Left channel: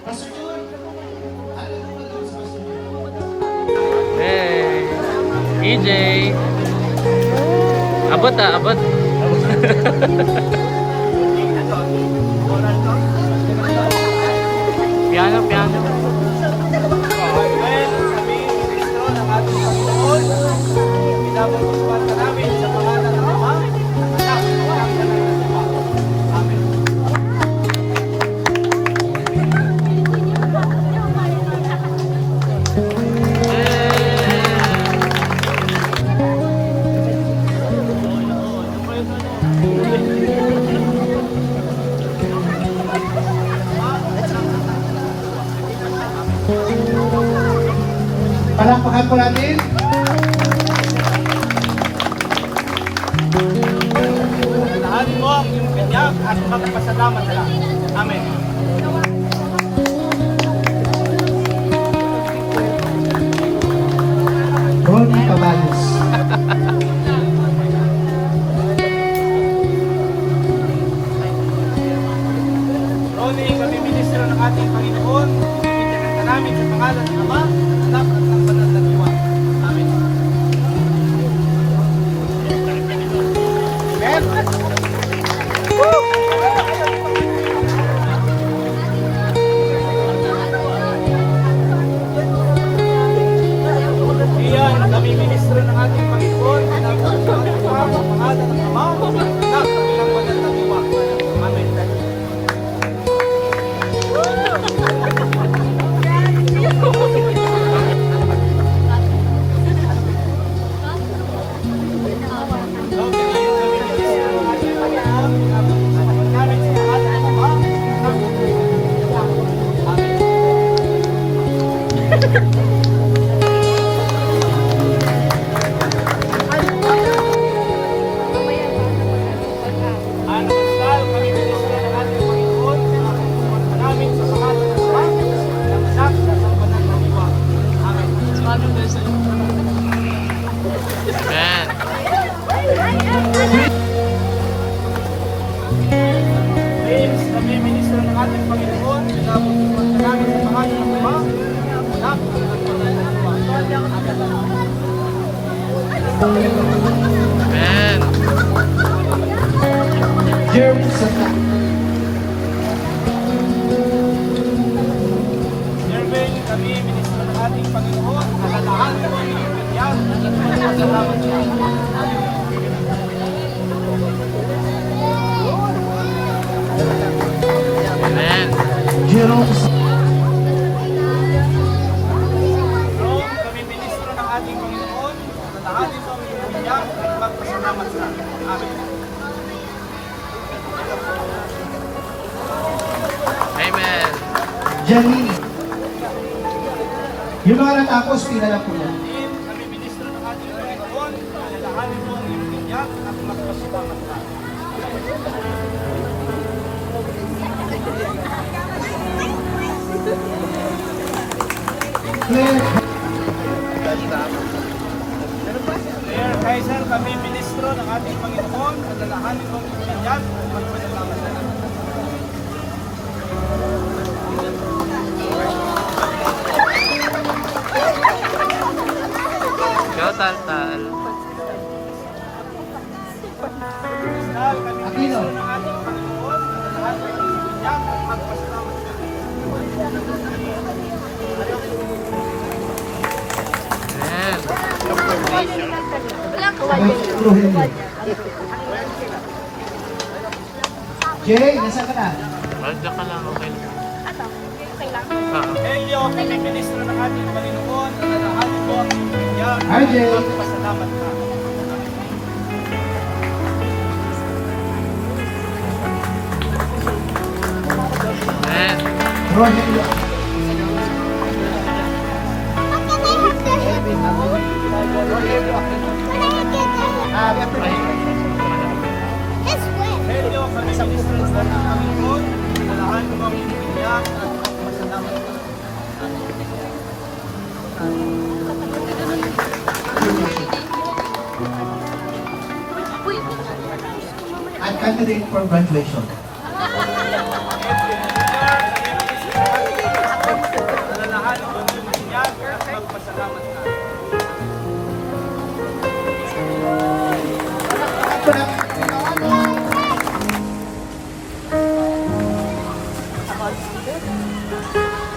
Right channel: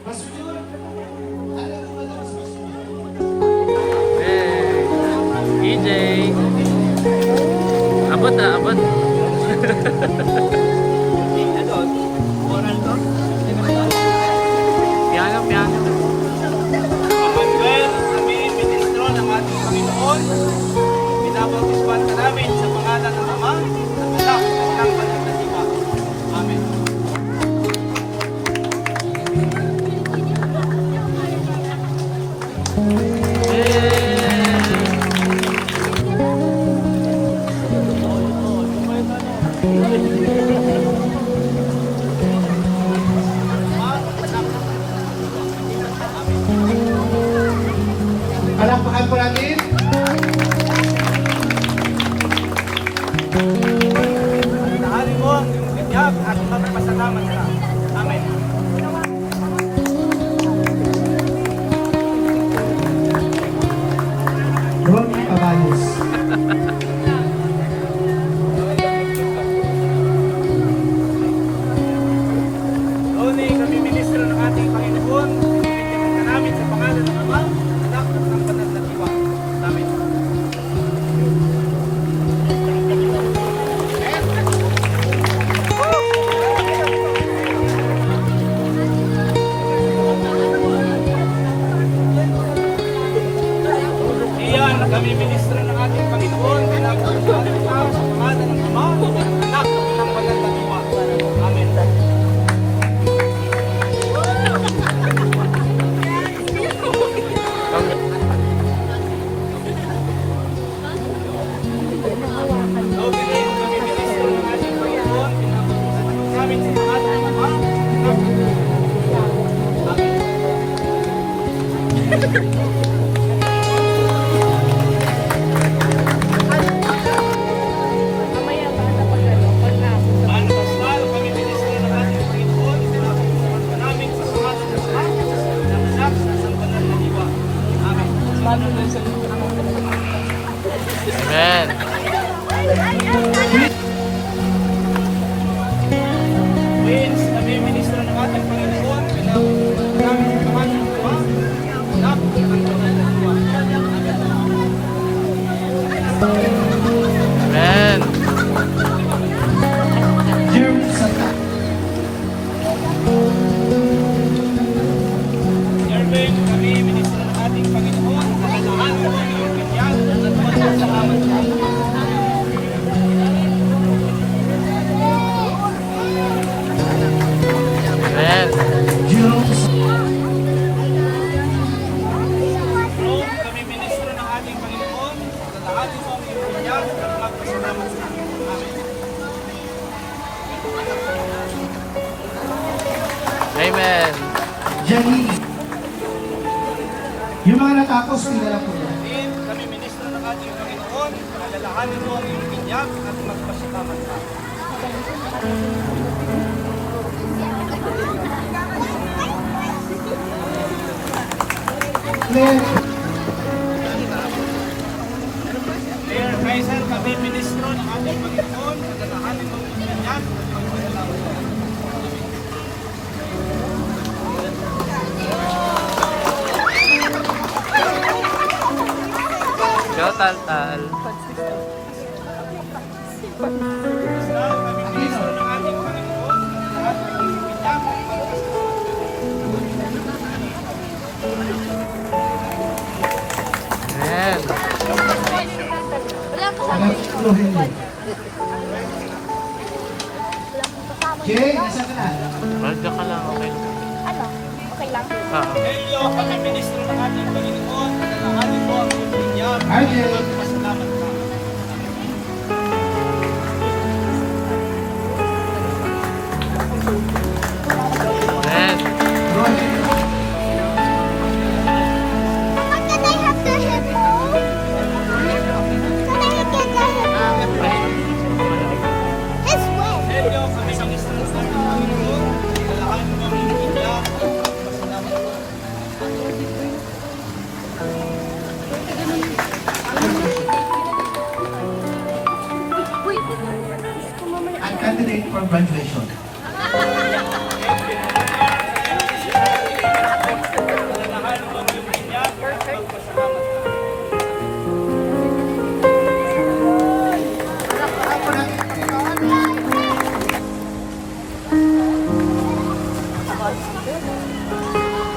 Hey, EJ. Abot abot. Piano, piano. Well, kami ministro ng ating Panginoon. Binabautisman ka namin sa pangalan ng Ama, ng Anak, ng Banal na Diwa. Amen. Palampakan po natin. Alalahanin mo ang iyong binyag at magpasalamat ka. Amen. Ronnie Caballos. Ronnie, kami ministro ng ating Panginoon. Bibigyan ka namin sa pangalan ng Ama, ng Anak, at ng Banal na Diwa. Amen. Iyan, kami ministro ng ating Panginoon. Binabautisman kita sa pangalan ng Ama, ng Anak, at ng Banal na Diwa. Amen. Amen. Friends, kami ministro ng ating Panginoon, pinabautisman ka namin sa pangalan ng Ama, Anak, at ng Banal na Diwa. Amen. Jeremy Santa. Jervin, kami ministro ng ating Panginoon, alalahanin mo ang iyong binyag at magpasalamat ka. Amen. Jerome Santa. Rome, kami ministro ng ating Panginoon, alalahanin mo ang iyong binyag at magpasalamat ka. Amen. Amen. Janine. Yung mga natapos, pinalang po na. In, kami ministro ng ating Panginoon, alalahanin mo ang iyong binyag at magpasalamat ka. Claire. Mayor Kaiser, kami ministro ng ating Panginoon, alalahanin mo ang iyong binyag at magpasalamat ka. Ikaw, Tal-Tal. Kristal, kami ministro ng ating Panginoon, alalahanin mo ang iyong binyag at magpasalamat ka. Amen. Rogelio. Jay, nasa ka na? Malda ka lang, okay lang. Elio, kami ministro ng ating Panginoon, alalahanin mo ang iyong binyag at RJ. magpasalamat ka. Amen. Rogelio. Ay, baka malamig. Elio, kami ministro ng ating Panginoon, alalahanin mo ang iyong binyag at magpasalamat ka. I'm candidate for graduation. Edwin Villar, kami ministro ng ating 100.